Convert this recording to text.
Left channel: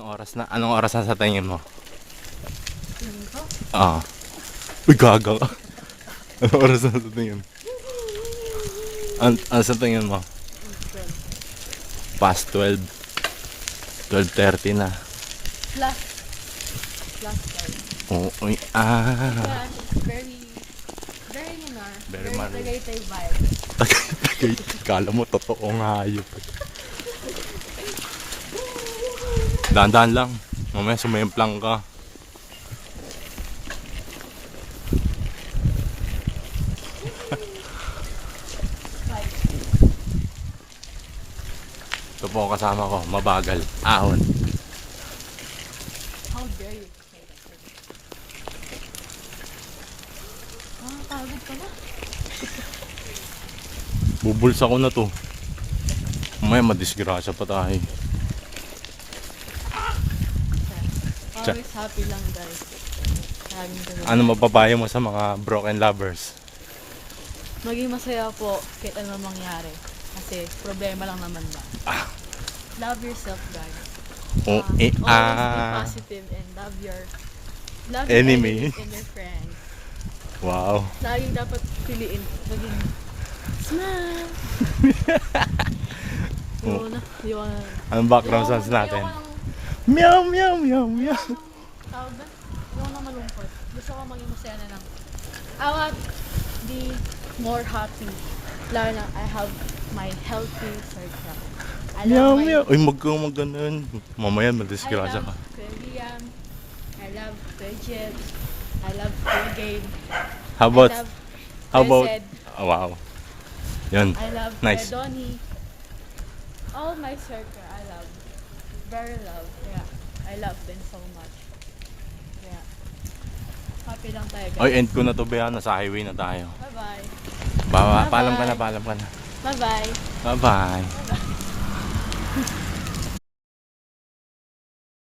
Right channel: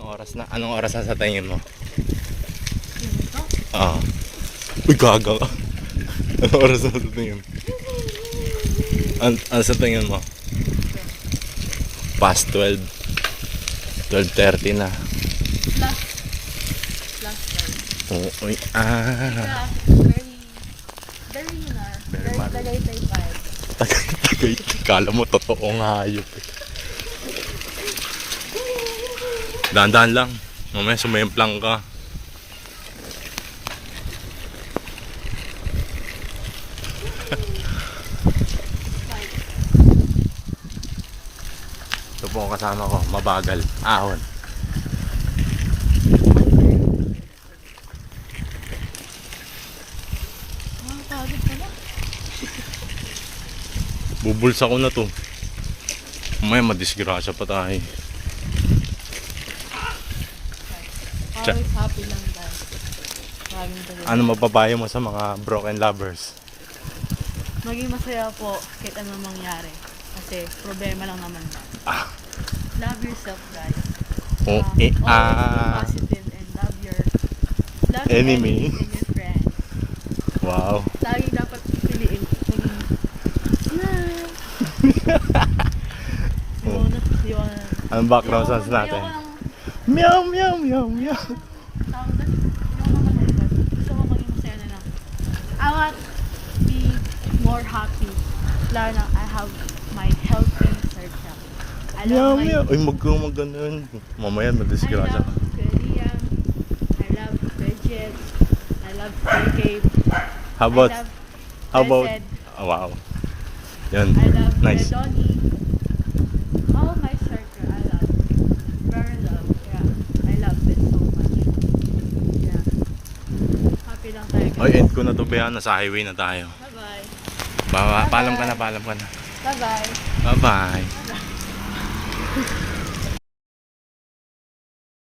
Anong oras na sa tingin mo? Ah. Uy, gaga. Anong oras na sa tingin? Ano sa tingin mo? Past 12. 12:30 na. Plus 12. Oo. Very mal. Tagaytay vibe. Tagay. Kala mo totoong hayop eh. Dahan-dahan lang. Mamaya sumemplang ka. Ito po ang kasama ko. Mabagal. Ahon. Pagod ka na. Bubulsa ko na to. Mamaya madisgrasya pa tayo. Always happy lang guys. Ano mapapayo mo sa mga broken lovers? Maging masaya po kahit ano mangyari. Kasi problema lang naman ba. Love yourself guys. Always be positive and love your Enemy. enemies and your friends. Wow. Laging dapat piliin. Laging smile. Anong background sounds natin? Meow, meow, meow, meow. Tawag ba? Yung na malungkot. Gusto ko maging masaya na lang. I want be more happy. Lalo na I have my healthy circle. I Meow, love my... meow. Ay, mag-ganun. Mamaya madisgrasya I ka. love Kuya Liam. I love Kuya Jet. I love Kuya Gabe. How about, I love how about, Kuya Zed. oh, wow. Yun. I love Nice. Kuya Donnie. All my circle I love. Very love. Yeah. I love it so much. Yeah. Happy lang tayo guys. Oy, end ko na to, Bea. Nasa highway na tayo. Bye-bye. Paalam ka na, paalam ka na. Bye-bye. Bye-bye.